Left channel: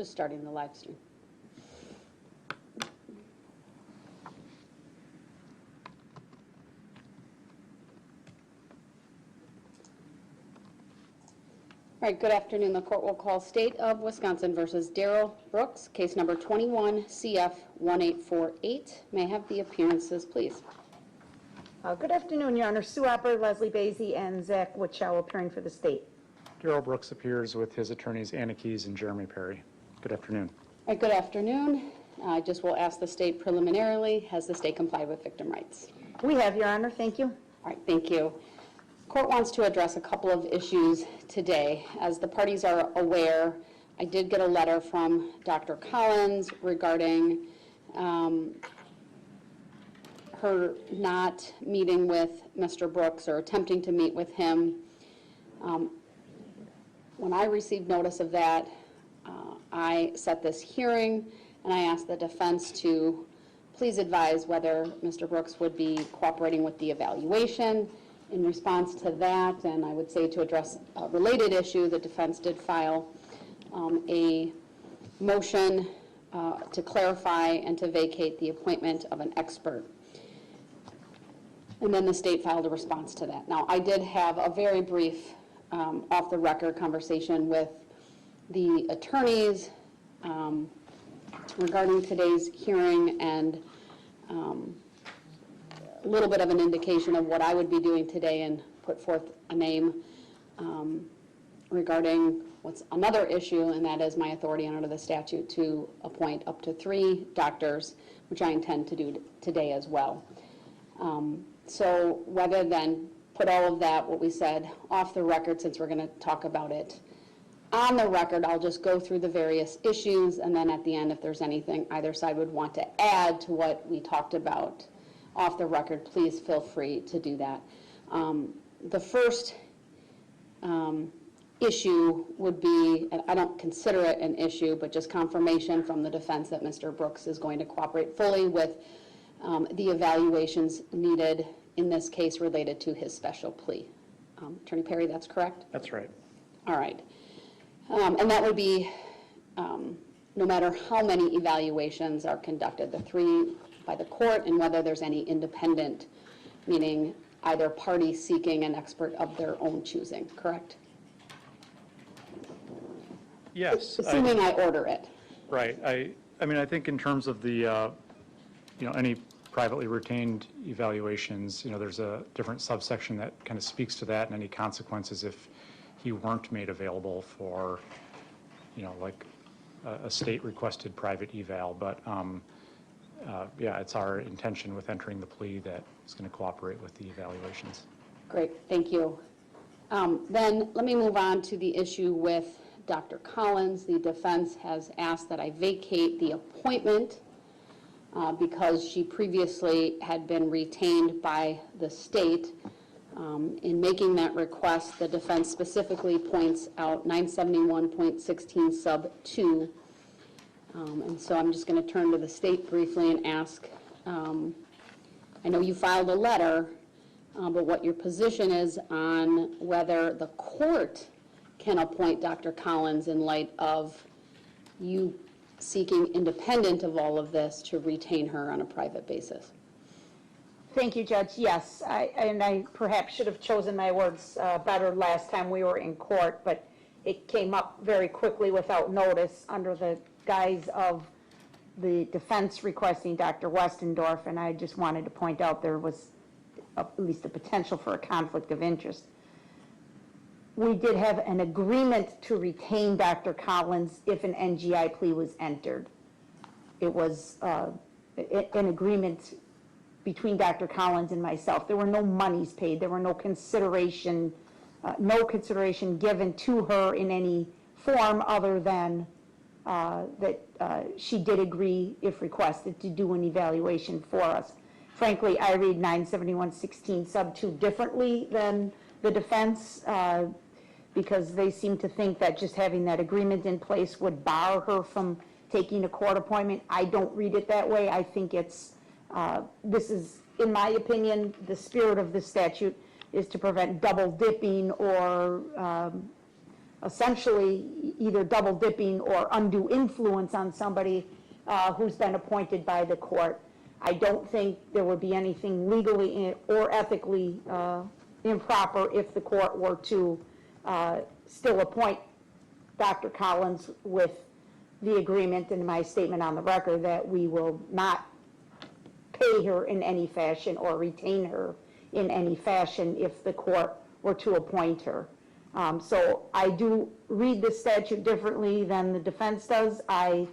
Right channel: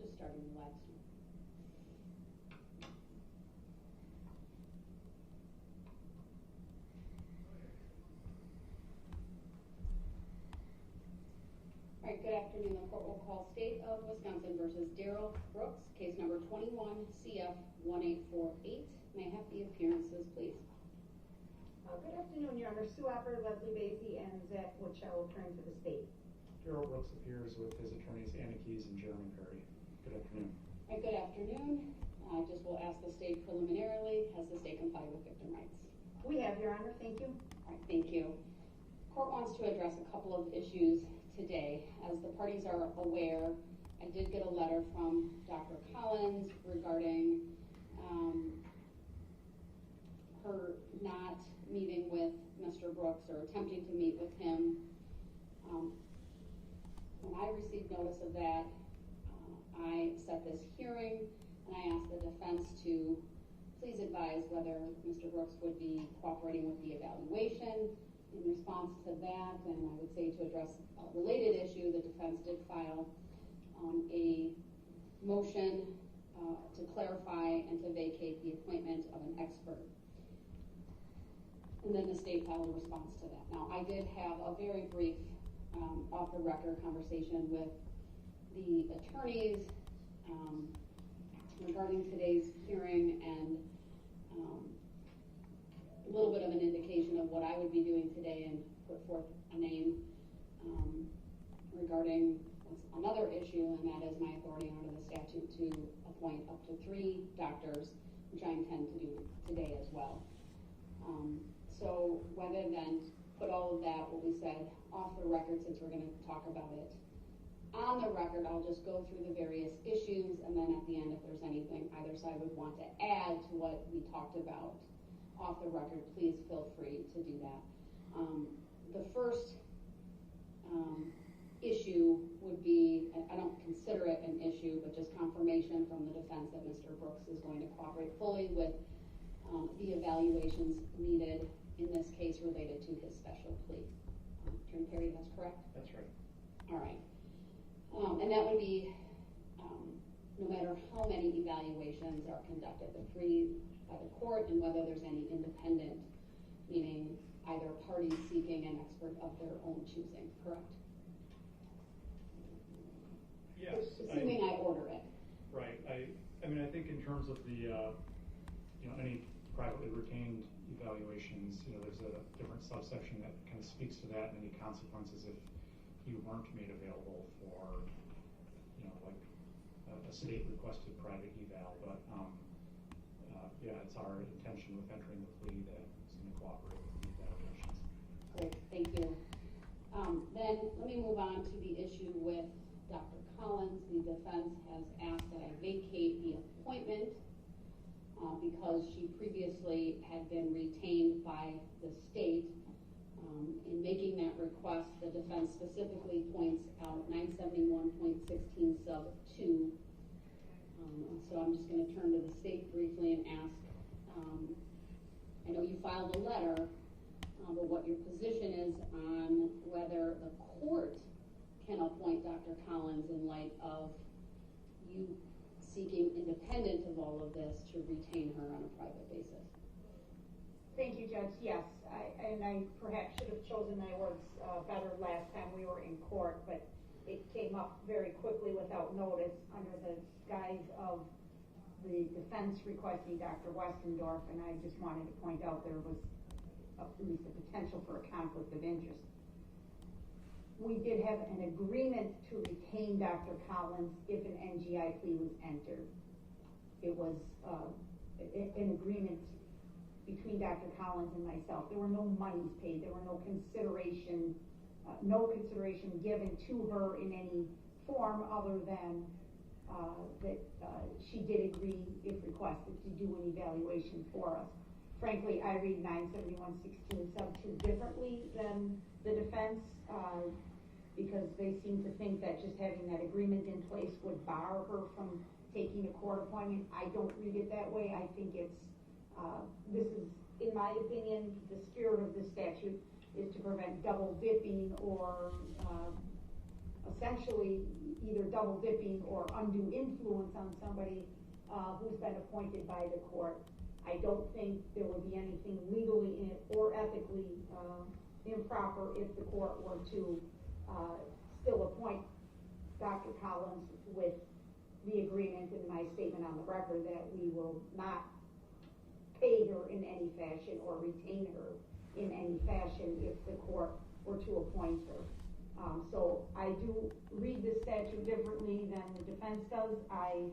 Just starting the live stream. All right, good afternoon. The court will call State of Wisconsin versus Darrell Brooks, case number 21 CF 1848. May I have the appearances, please? Good afternoon, Your Honor. Sue Opper, Leslie Basie, and Zach Witchow appearing for the state. Darrell Brooks appears with his attorneys Anna Keys and Jeremy Perry. Good afternoon. All right, good afternoon. I just will ask the state preliminarily, has the state complied with victim rights? We have, Your Honor. Thank you. All right, thank you. Court wants to address a couple of issues today. As the parties are aware, I did get a letter from Dr. Collins regarding her not meeting with Mr. Brooks or attempting to meet with him. When I received notice of that, I set this hearing and I asked the defense to please advise whether Mr. Brooks would be cooperating with the evaluation. In response to that, and I would say to address a related issue, the defense did file a motion to clarify and to vacate the appointment of an expert. And then the state filed a response to that. Now, I did have a very brief off-the-record conversation with the attorneys regarding today's hearing, and a little bit of an indication of what I would be doing today, and put forth a name regarding what's another issue, and that is my authority under the statute to appoint up to 3 doctors, which I intend to do today as well. So rather than put all of that, what we said, off the record, since we're going to talk about it on the record, I'll just go through the various issues, and then at the end, if there's anything either side would want to add to what we talked about off the record, please feel free to do that. The first issue would be, and I don't consider it an issue, but just confirmation from the defense that Mr. Brooks is going to cooperate fully with the evaluations needed in this case related to his special plea. Attorney Perry, that's correct? That's right. All right. And that would be no matter how many evaluations are conducted, the 3 by the court, and whether there's any independent, meaning either party seeking an expert of their own choosing, correct? Yes. Assuming I order it. Right. I mean, I think in terms of the, any privately retained evaluations, there's a different subsection that kind of speaks to that and any consequences if he weren't made available for, like a state requested private eval. But yeah, it's our intention with entering the plea that it's going to cooperate with the evaluations. Great, thank you. Then let me move on to the issue with Dr. Collins. The defense has asked that I vacate the appointment because she previously had been retained by the state. In making that request, the defense specifically points out 971.16 sub 2. And so I'm just going to turn to the state briefly and ask, I know you filed a letter, but what your position is on whether the court can appoint Dr. Collins in light of you seeking, independent of all of this, to retain her on a private basis. Thank you, Judge. Yes, I perhaps should have chosen my words better last time we were in court, but it came up very quickly without notice under the guise of the defense requesting Dr. Westendorf, and I just wanted to point out there was at least a potential for a conflict of interest. We did have an agreement to retain Dr. Collins if an NGI plea was entered. It was an agreement between Dr. Collins and myself. There were no monies paid. There were no consideration given to her in any form other than that she did agree, if requested, to do an evaluation for us. Frankly, I read 971.16 sub 2 differently than the defense because they seem to think that just having that agreement in place would bar her from taking a court appointment. I don't read it that way. I think it's, this is, in my opinion, the spirit of the statute is to prevent double dipping or essentially either double dipping or undue influence on somebody who's been appointed by the court. I don't think there would be anything legally or ethically improper if the court were to still appoint Dr. Collins with the agreement in my statement on the record that we will not pay her in any fashion or retain her in any fashion if the court were to appoint her. So I do read the statute differently than the defense does. I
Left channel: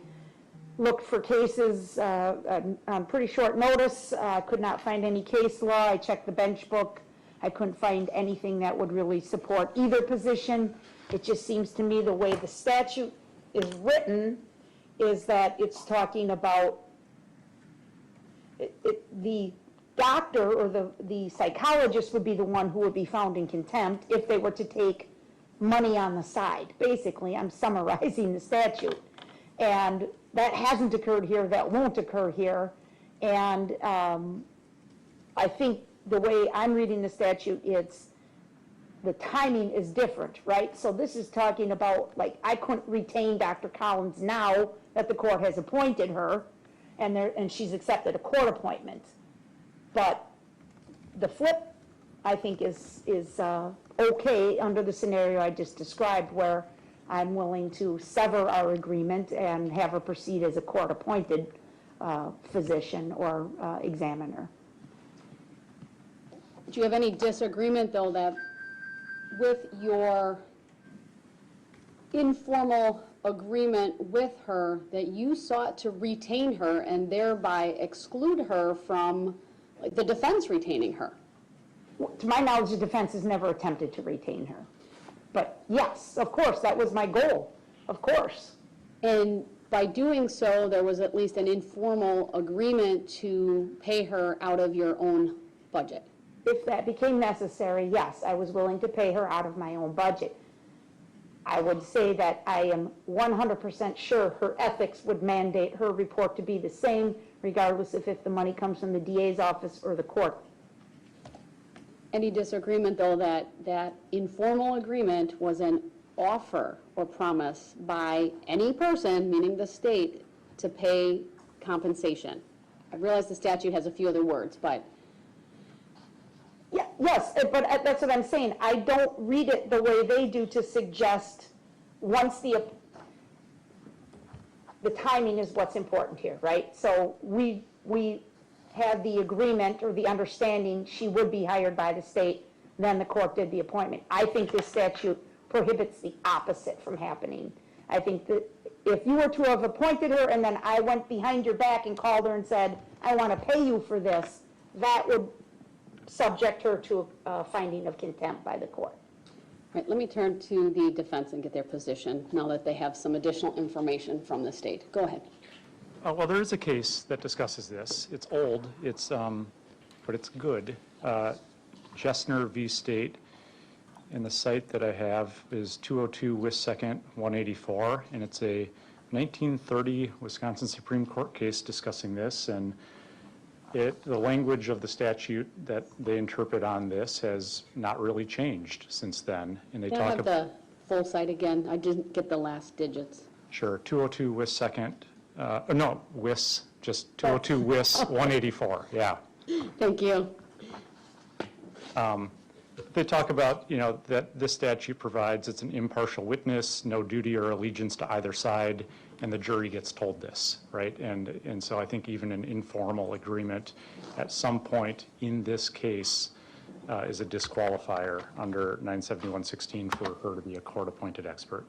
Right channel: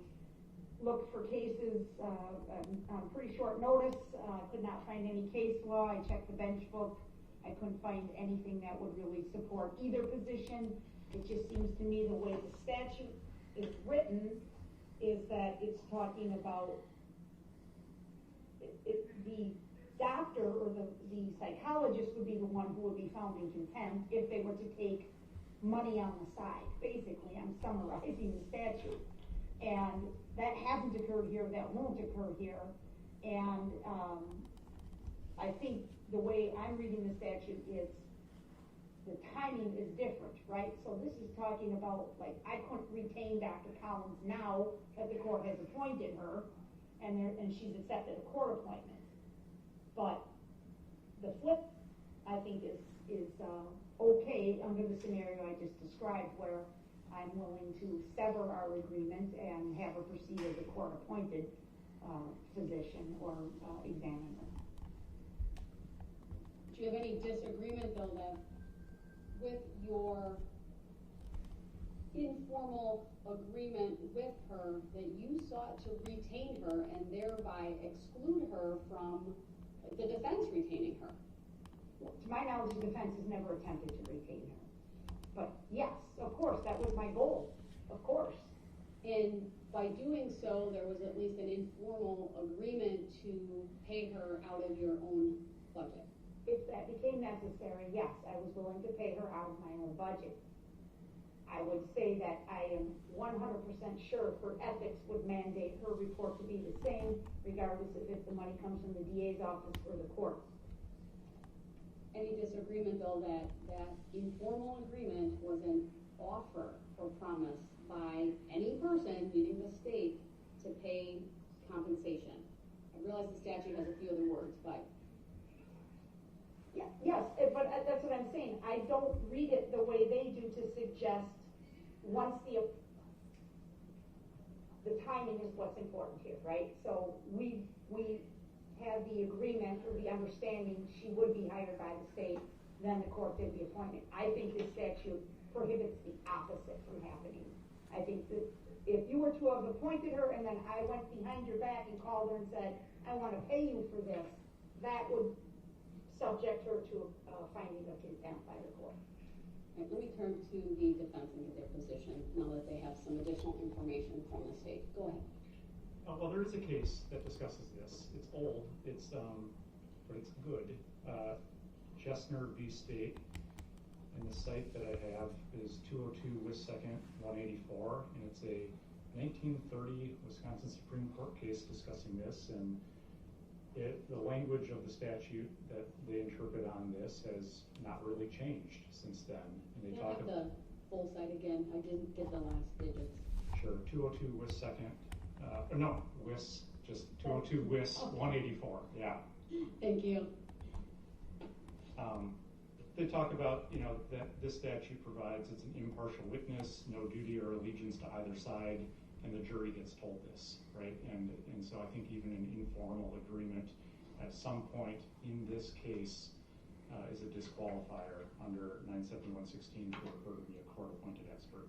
looked for cases on pretty short notice. Could not find any case law. I checked the bench book. I couldn't find anything that would really support either position. It just seems to me the way the statute is written is that it's talking about the doctor or the psychologist would be the one who would be found in contempt if they were to take money on the side. Basically, I'm summarizing the statute. And that hasn't occurred here, that won't occur here. And I think the way I'm reading the statute, the timing is different, right? So this is talking about, like, I couldn't retain Dr. Collins now that the court has appointed her, and she's accepted a court appointment. But the flip, I think, is okay under the scenario I just described, where I'm willing to sever our agreement and have her proceed as a court-appointed physician or examiner. Do you have any disagreement, though, that with your informal agreement with her, that you sought to retain her and thereby exclude her from the defense retaining her? To my knowledge, the defense has never attempted to retain her. But yes, of course, that was my goal, of course. And by doing so, there was at least an informal agreement to pay her out of your own budget. If that became necessary, yes, I was willing to pay her out of my own budget. I would say that I am 100% sure her ethics would mandate her report to be the same, regardless of if the money comes from the DA's office or the court. Any disagreement, though, that that informal agreement was an offer or promise by any person, meaning the state, to pay compensation? I realize the statute has a few other words, but... Yeah, yes, but that's what I'm saying. I don't read it the way they do to suggest once the timing is what's important here, right? So we had the agreement or the understanding she would be hired by the state, then the court did the appointment. I think this statute prohibits the opposite from happening. I think that if you were to have appointed her and then I went behind your back and called her and said, I want to pay you for this, that would subject her to a finding of contempt by the court. All right, let me turn to the defense and get their position now that they have some additional information from the state. Go ahead. Well, there is a case that discusses this. It's old, but it's good. Jessner v. State, and the site that I have is 202 West 2nd, 184, and it's a 1930 Wisconsin Supreme Court case discussing this, and the language of the statute that they interpret on this has not really changed since then. And they Can I have the full site again? I didn't get the last digits. Sure, 202 West 2nd, no, WIS, just 202 WIS 184, yeah. Thank you. They talk about, that this statute provides it's an impartial witness, no duty or allegiance to either side, and the jury gets told this, right? And so I think even an informal agreement at some point in this case is a disqualifier under 971.16 for her to be a court-appointed expert.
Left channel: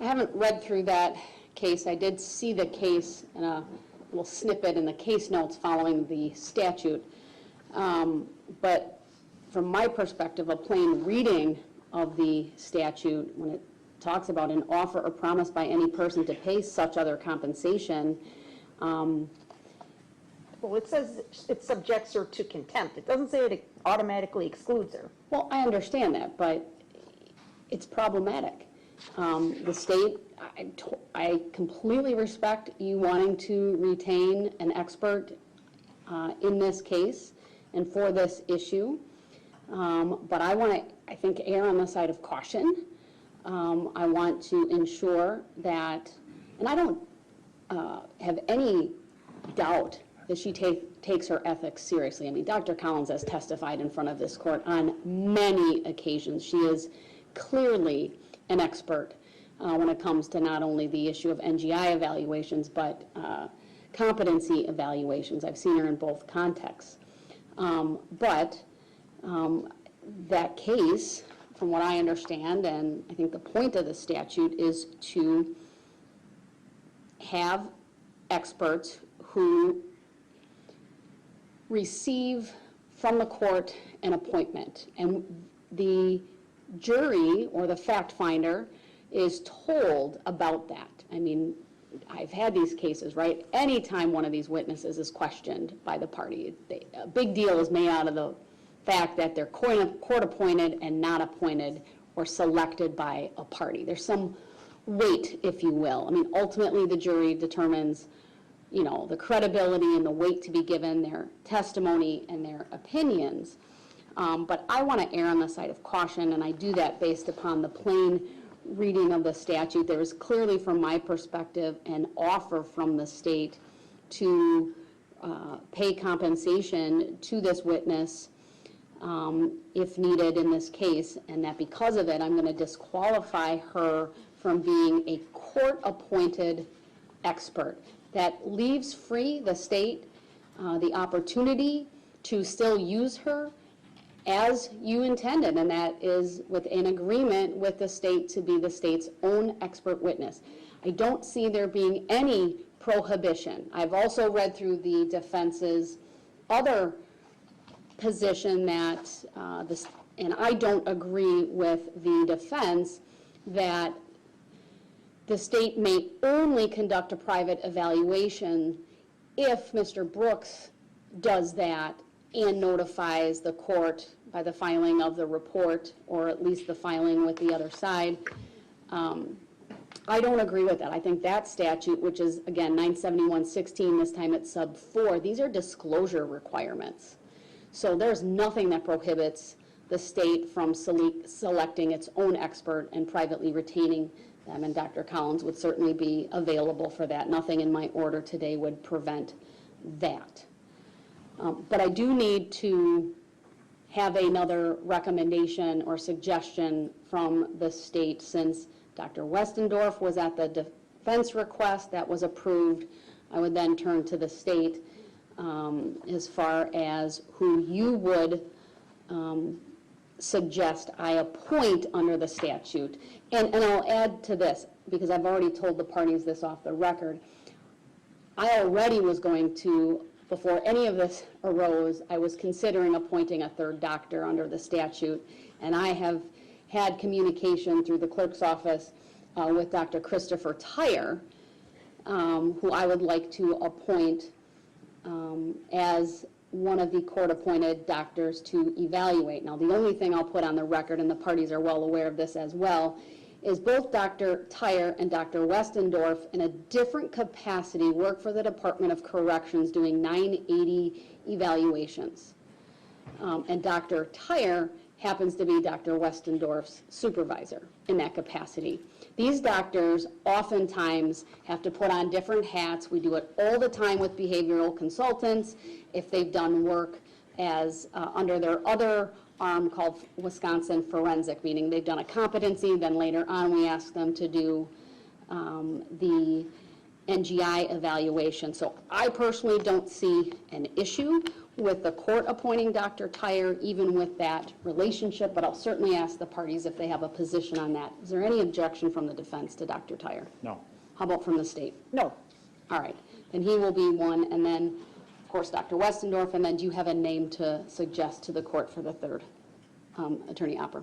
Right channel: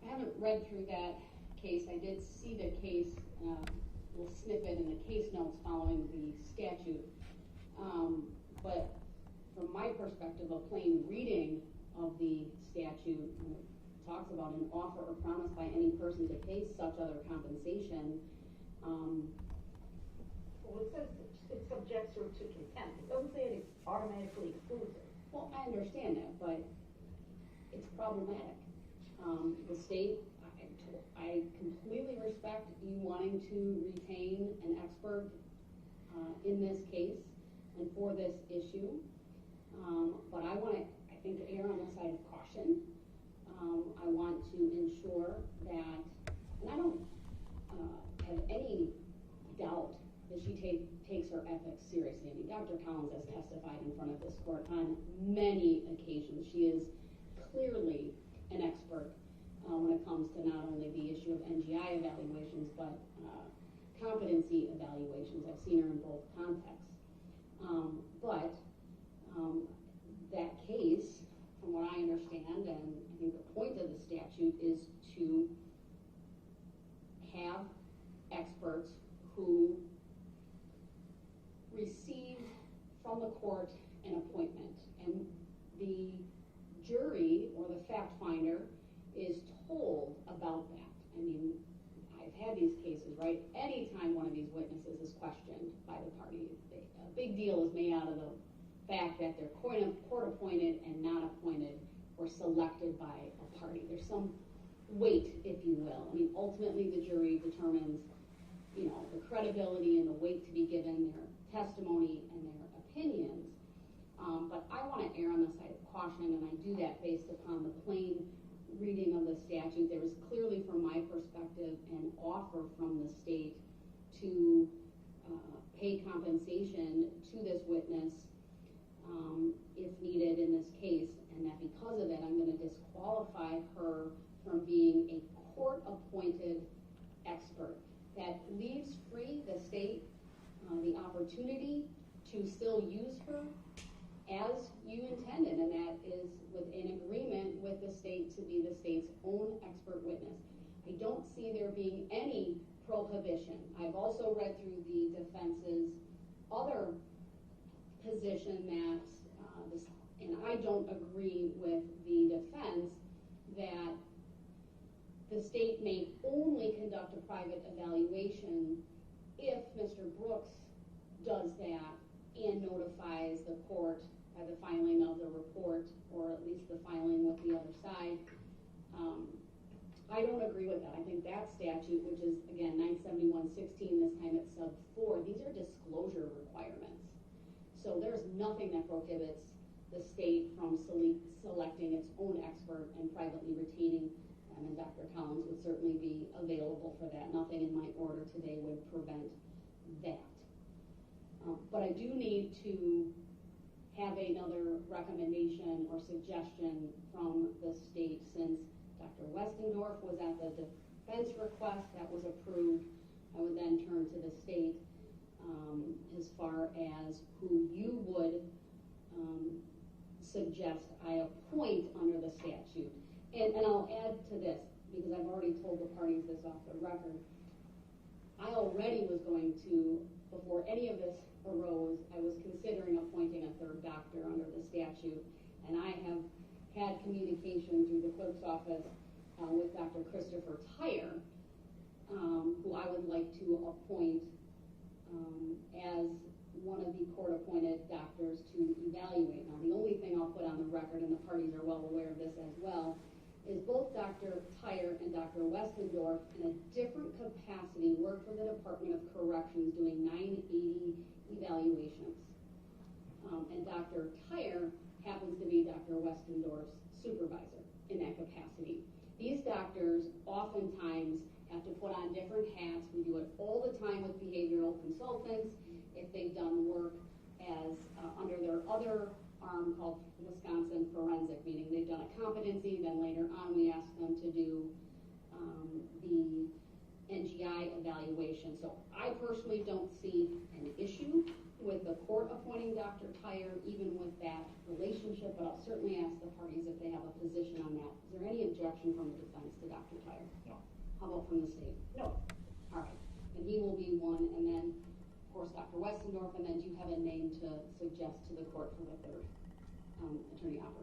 I haven't read through that case. I did see the case in a little snippet in the case notes following the statute. But from my perspective, a plain reading of the statute, when it talks about an offer or promise by any person to pay such other compensation. Well, it says it subjects her to contempt. It doesn't say it automatically excludes her. Well, I understand that, but it's problematic. The state, I completely respect you wanting to retain an expert in this case and for this issue, but I want to, I think, err on the side of caution I want to ensure that, and I don't have any doubt that she takes her ethics seriously. I mean, Dr. Collins has testified in front of this court on many occasions. She is clearly an expert when it comes to not only the issue of NGI evaluations, but competency evaluations. I've seen her in both contexts. But that case, from what I understand, and I think the point of the statute is to have experts who receive from the court an appointment. And the jury or the fact finder is told about that. I mean, I've had these cases, right? Anytime one of these witnesses is questioned by the party, a big deal is made out of the fact that they're court appointed and not appointed or selected by a party. There's some weight, if you will. I mean, ultimately the jury determines, you know, the credibility and the weight to be given, their testimony and their opinions. But I want to err on the side of caution, and I do that based upon the plain reading of the statute. There is clearly, from my perspective, an offer from the state to pay compensation to this witness if needed in this case, and that because of it, I'm going to disqualify her from being a court-appointed expert. That leaves free the state the opportunity to still use her as you intended, and that is within agreement with the state to be the state's own expert witness. I don't see there being any prohibition. I've also read through the defense's other position that, and I don't agree with the defense, that the state may only conduct a private evaluation if Mr. Brooks does that and notifies the court by the filing of the report, or at least the filing with the other side. I don't agree with that. I think that statute, which is, again, 971.16, this time it's sub 4, these are disclosure requirements. So there's nothing that prohibits the state from selecting its own expert and privately retaining them, and Dr. Collins would certainly be available for that. Nothing in my order today would prevent that. But I do need to have another recommendation or suggestion from the state, since Dr. Westendorf was at the defense request that was approved. I would then turn to the state as far as who you would suggest I appoint under the statute. And I'll add to this, because I've already told the parties this off the record. I already was going to, before any of this arose, I was considering appointing a third doctor under the statute, and I have had communication through the clerk's office with Dr. Christopher Tyre, who I would like to appoint as one of the court-appointed doctors to evaluate. Now, the only thing I'll put on the record, and the parties are well aware of this as well, is both Dr. Tyre and Dr. Westendorf, in a different capacity, work for the Department of Corrections doing 980 evaluations. And Dr. Tyre happens to be Dr. Westendorf's supervisor in that capacity. These doctors oftentimes have to put on different hats. We do it all the time with behavioral consultants. If they've done work as under their other arm called Wisconsin Forensic, meaning they've done a competency, then later on we ask them to do the NGI evaluation. So I personally don't see an issue with the court appointing Dr. Tyre, even with that relationship, but I'll certainly ask the parties if they have a position on that. Is there any objection from the defense to Dr. Tyre? No. How about from the state? No. All right, then he will be one, and then, of course, Dr. Westendorf, and then do you have a name to suggest to the court for the third? Attorney Opper.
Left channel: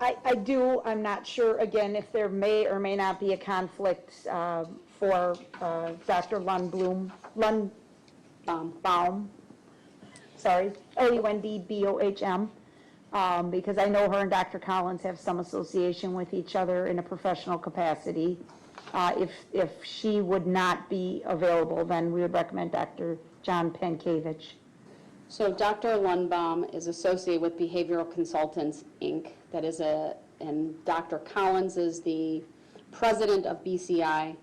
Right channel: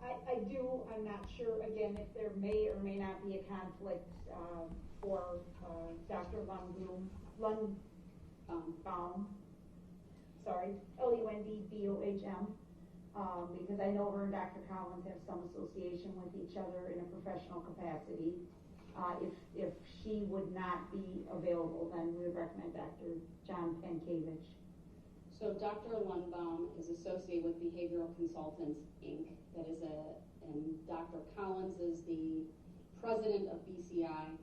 I do. I'm not sure, again, if there may or may not be a conflict for Dr. Lundbaum, sorry, Lundbohm, because I know her and Dr. Collins have some association with each other in a professional capacity. If she would not be available, then we would recommend Dr. John Penkiewicz. So Dr. Lundbaum is associated with Behavioral Consultants, Inc. that is and Dr. Collins is the president of BCI.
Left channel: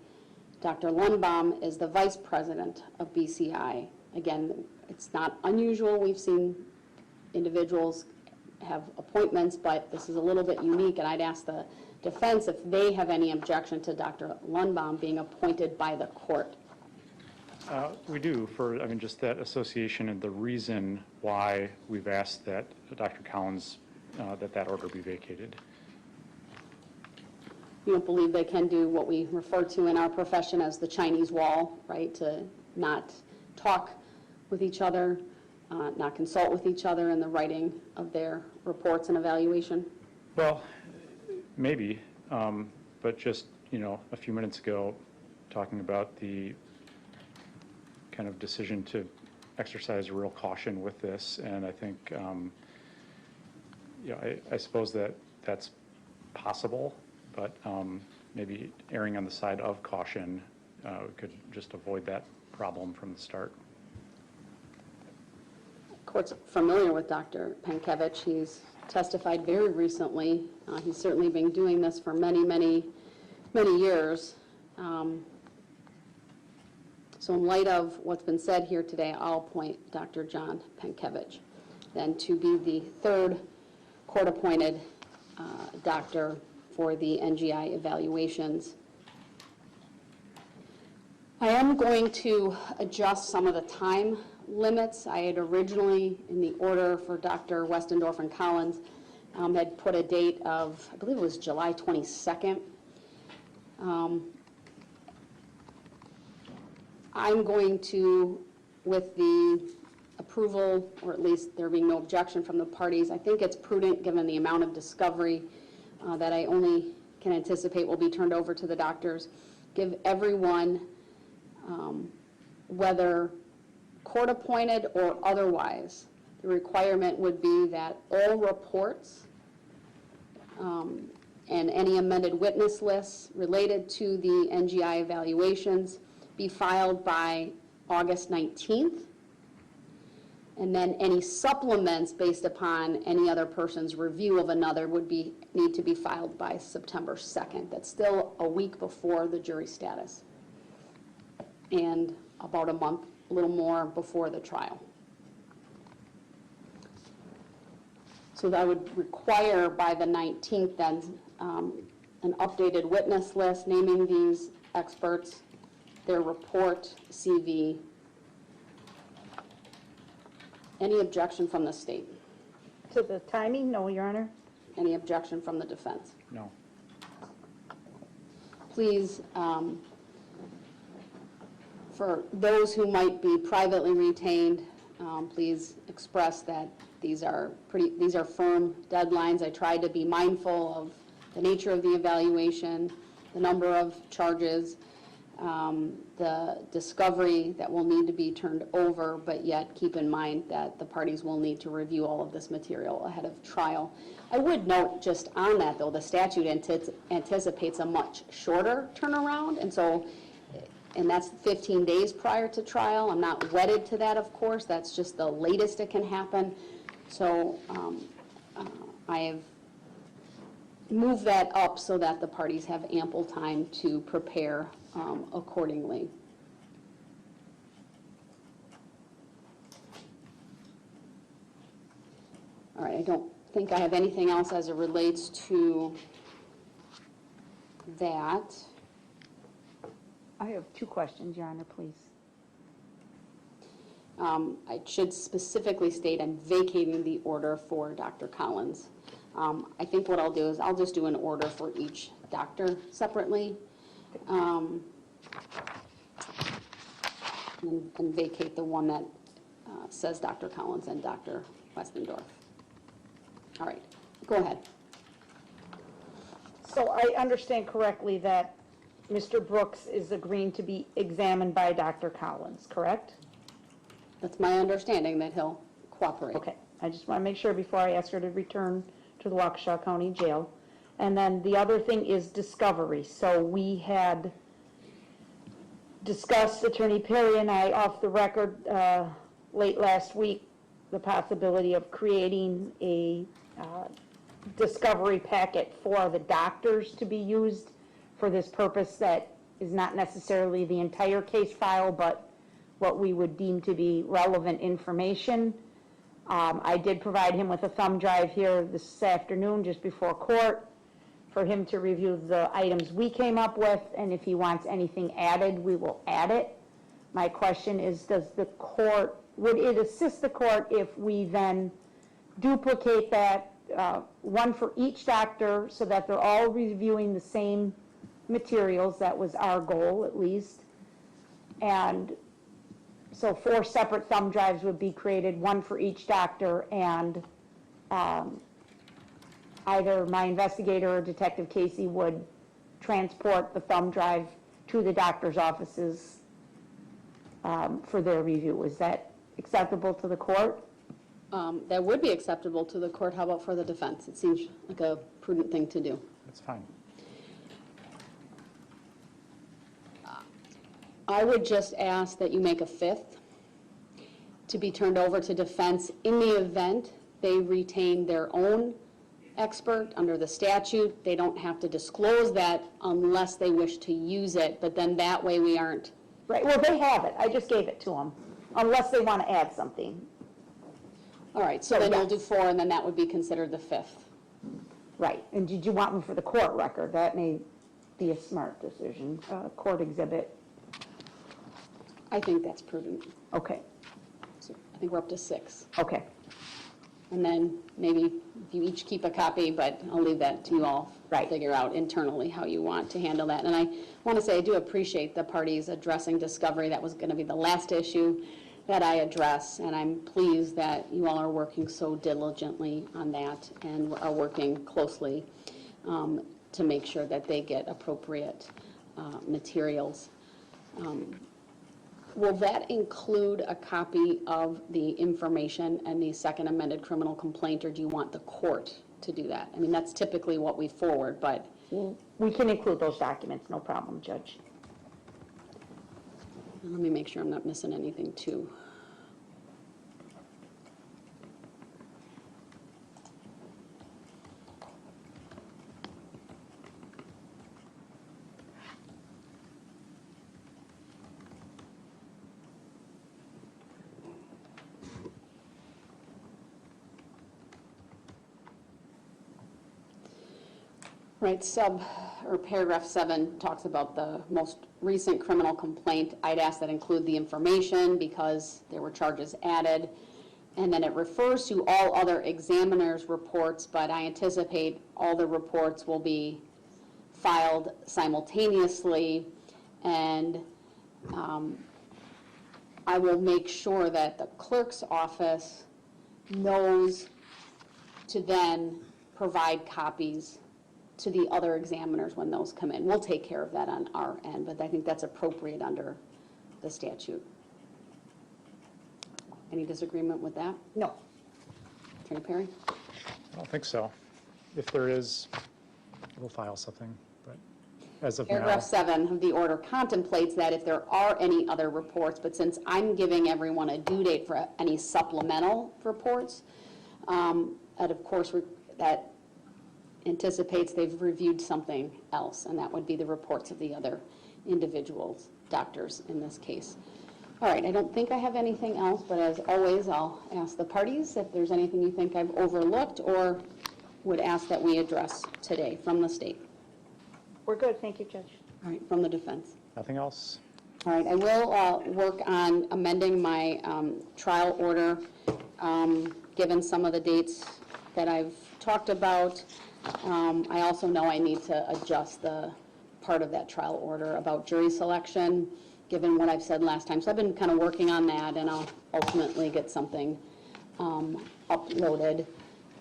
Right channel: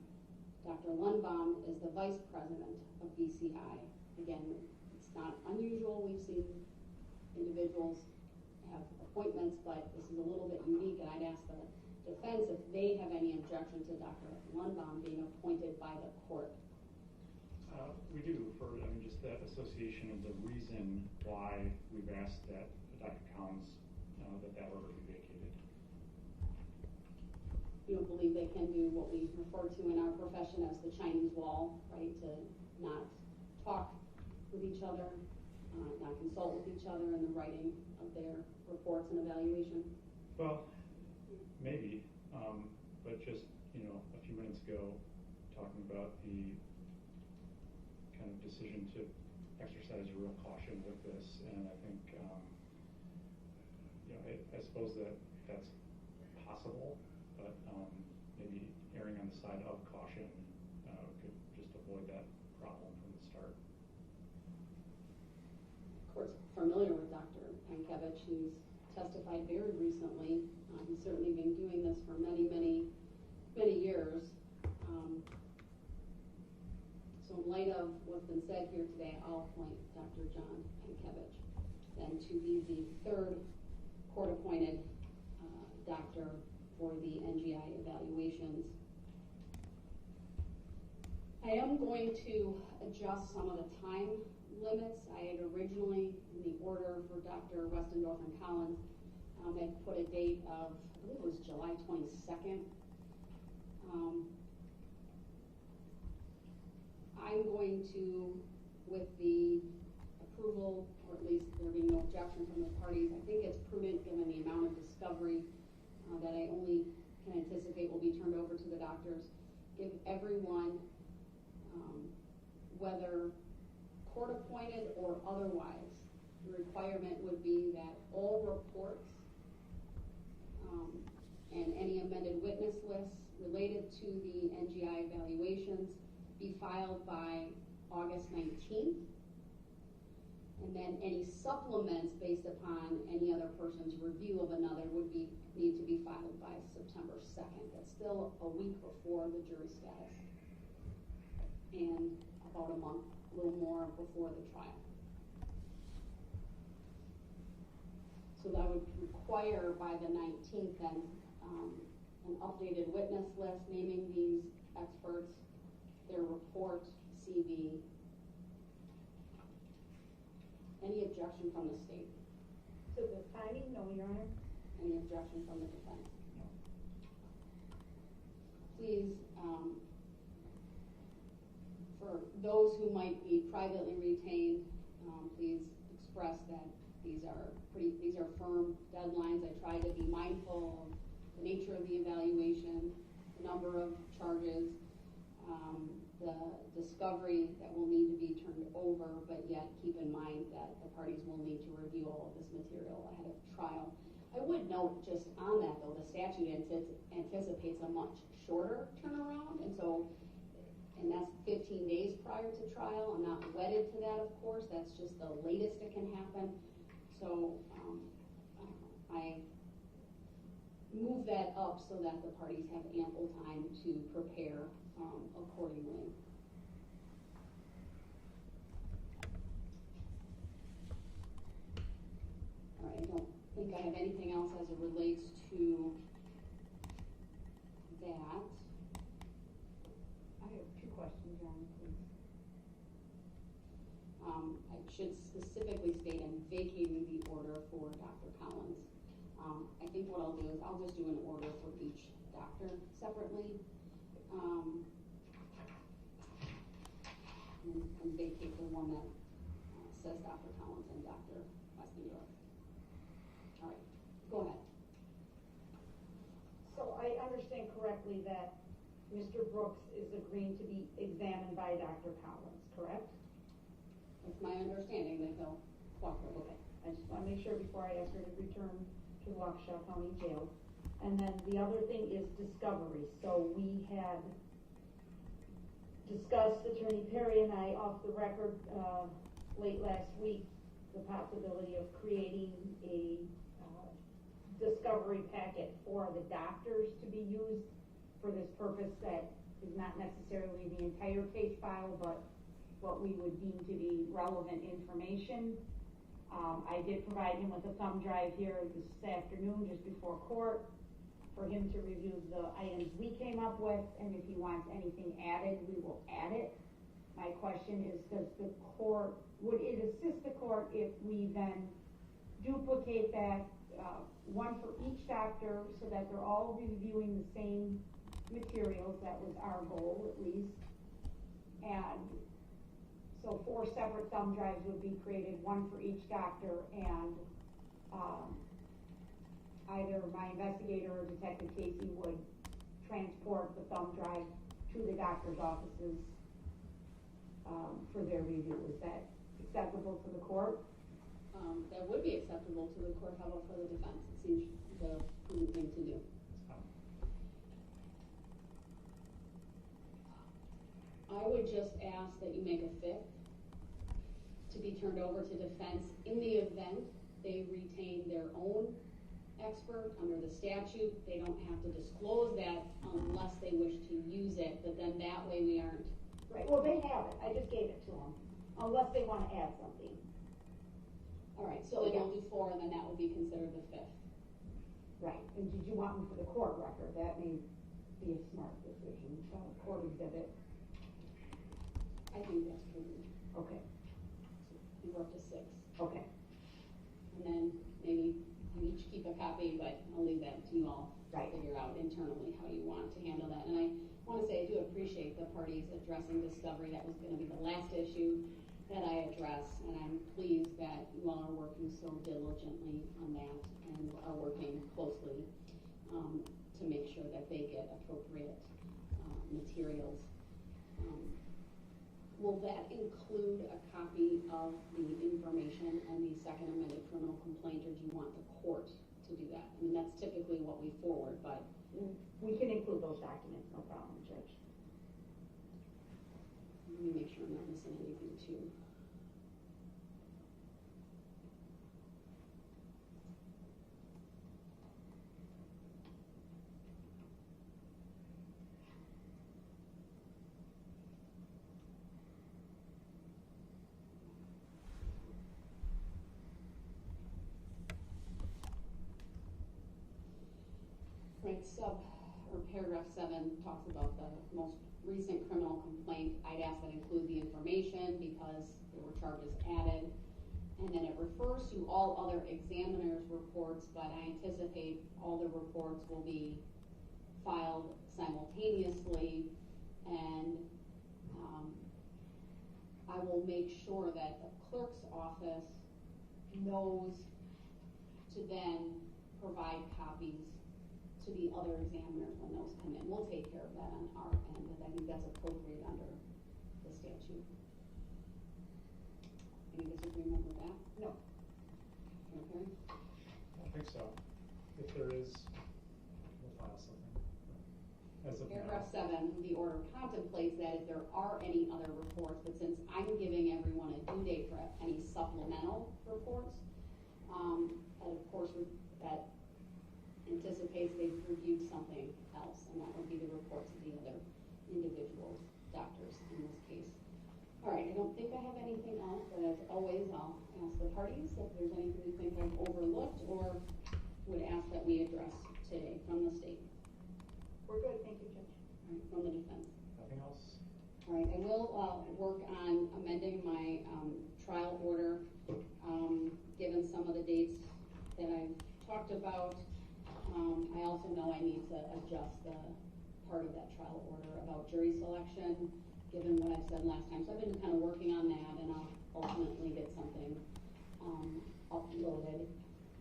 Dr. Lundbaum is the vice president of BCI. Again, it's not unusual. We've seen individuals have appointments, but this is a little bit unique, and I'd ask the defense if they have any objection to Dr. Lundbaum being appointed by the court. We do, for, I mean, just that association and the reason why we've asked that Dr. Collins, that order be vacated. You don't believe they can do what we refer to in our profession as the Chinese wall, right? To not talk with each other, not consult with each other in the writing of their reports and evaluation? Well, maybe, but just, a few minutes ago, talking about the kind of decision to exercise real caution with this, and I think, I suppose that's possible, but maybe erring on the side of caution could just avoid that problem from the start. The court's familiar with Dr. Pankevich. He's testified very recently. He's certainly been doing this for many, many, many years. So in light of what's been said here today, I'll appoint Dr. John Pankevich then to be the third court-appointed doctor for the NGI evaluations. I am going to adjust some of the time limits. I had originally, in the order for Dr. Westendorf and Collins, had put a date of, I believe it was July 22nd. I'm going to, with the approval, or at least there being no objection from the parties, I think it's prudent, given the amount of discovery that I only can anticipate will be turned over to the doctors, give everyone, whether court-appointed or otherwise, the requirement would be that all reports and any amended witness lists related to the NGI evaluations be filed by August 19th, and then any supplements based upon any other person's review of another would need to be filed by September 2nd. That's still a week before the jury status, and about a month, a little more before the trial. So that would require by the 19th then an updated witness list naming these experts, their report, CV. Any objection from the state? To the timing? No, Your Honor. Any objection from the defense? No. Please, for those who might be privately retained, please express that these are firm deadlines. I tried to be mindful of the nature of the evaluation, the number of charges, the discovery that will need to be turned over, but yet keep in mind that the parties will need to review all of this material ahead of trial. I would note just on that, though, the statute anticipates a much shorter turnaround, and that's 15 days prior to trial. I'm not wedded to that, of course. That's just the latest it can happen. So I have moved that up so that the parties have ample time to prepare accordingly. All right, I don't think I have anything else as it relates to that. I have two questions, Your Honor, please. I should specifically state I'm vacating the order for Dr. Collins. I think what I'll do is I'll just do an order for each doctor separately and vacate the one that says Dr. Collins and Dr. Westendorf. All right, go ahead. So I understand correctly that Mr. Brooks is agreeing to be examined by Dr. Collins, correct? That's my understanding, that he'll cooperate. Okay, I just want to make sure before I ask her to return to the Waukesha County Jail. And then the other thing is discovery. So we had discussed, Attorney Perry and I, off the record late last week, the possibility of creating a discovery packet for the doctors to be used for this purpose that is not necessarily the entire case file, but what we would deem to be relevant information. I did provide him with a thumb drive here this afternoon just before court for him to review the items we came up with, and if he wants anything added, we will add it. My question is, would it assist the court if we then duplicate that, one for each doctor, so that they're all reviewing the same materials? That was our goal, at least. And so 4 separate thumb drives would be created, one for each doctor, and either my investigator or Detective Casey would transport the thumb drive to the doctor's offices for their review. Is that acceptable to the court? That would be acceptable to the court. How about for the defense? It seems like a prudent thing to do. That's fine. I would just ask that you make a 5th to be turned over to defense in the event they retain their own expert under the statute. They don't have to disclose that unless they wish to use it, but then that way we aren't. Right, well, they have it. I just gave it to them, unless they want to add something. All right, so then you'll do 4, and then that would be considered the 5th. Right, and did you want them for the court record? That may be a smart decision, court exhibit. I think that's prudent. Okay, So I think we're up to 6. okay. And then maybe you each keep a copy, but I'll leave that to you all. Right. Figure out internally how you want to handle that. And I want to say I do appreciate the parties addressing discovery. That was going to be the last issue that I address, and I'm pleased that you all are working so diligently on that and are working closely to make sure that they get appropriate materials. Will that include a copy of the information and the second amended criminal complaint, or do you want the court to do that? I mean, that's typically what we forward, but... We can include those documents, no problem, Judge. Let me make sure I'm not missing anything, too. Right, paragraph 7 talks about the most recent criminal complaint. I'd ask that include the information because there were charges added. And then it refers to all other examiners' reports, but I anticipate all the reports will be filed simultaneously. And I will make sure that the clerk's office knows to then provide copies to the other examiners when those come in. We'll take care of that on our end, but I think that's appropriate under the statute. Any disagreement with that? No. Attorney Perry? I don't think so. If there is, we'll file something, but as of now. Paragraph 7 of the order contemplates that if there are any other reports, but since I'm giving everyone a due date for any supplemental reports, and of course that anticipates they've reviewed something else, and that would be the reports of the other individuals, doctors in this case. All right, I don't think I have anything else, but as always, I'll ask the parties if there's anything you think I've overlooked or would ask that we address today from the state. We're good, thank you, Judge. All right, from the defense. Nothing else? All right, I will work on amending my trial order, given some of the dates that I've talked about. I also know I need to adjust the part of that trial order about jury selection, given what I've said last time. So I've been kind of working on that, and I'll ultimately get something uploaded,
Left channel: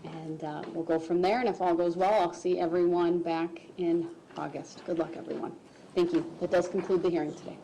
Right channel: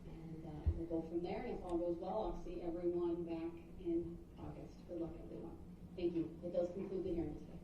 and we'll go from there. And if all goes well, I'll see everyone back in August. Good luck, everyone. Thank you. That does conclude the hearing today.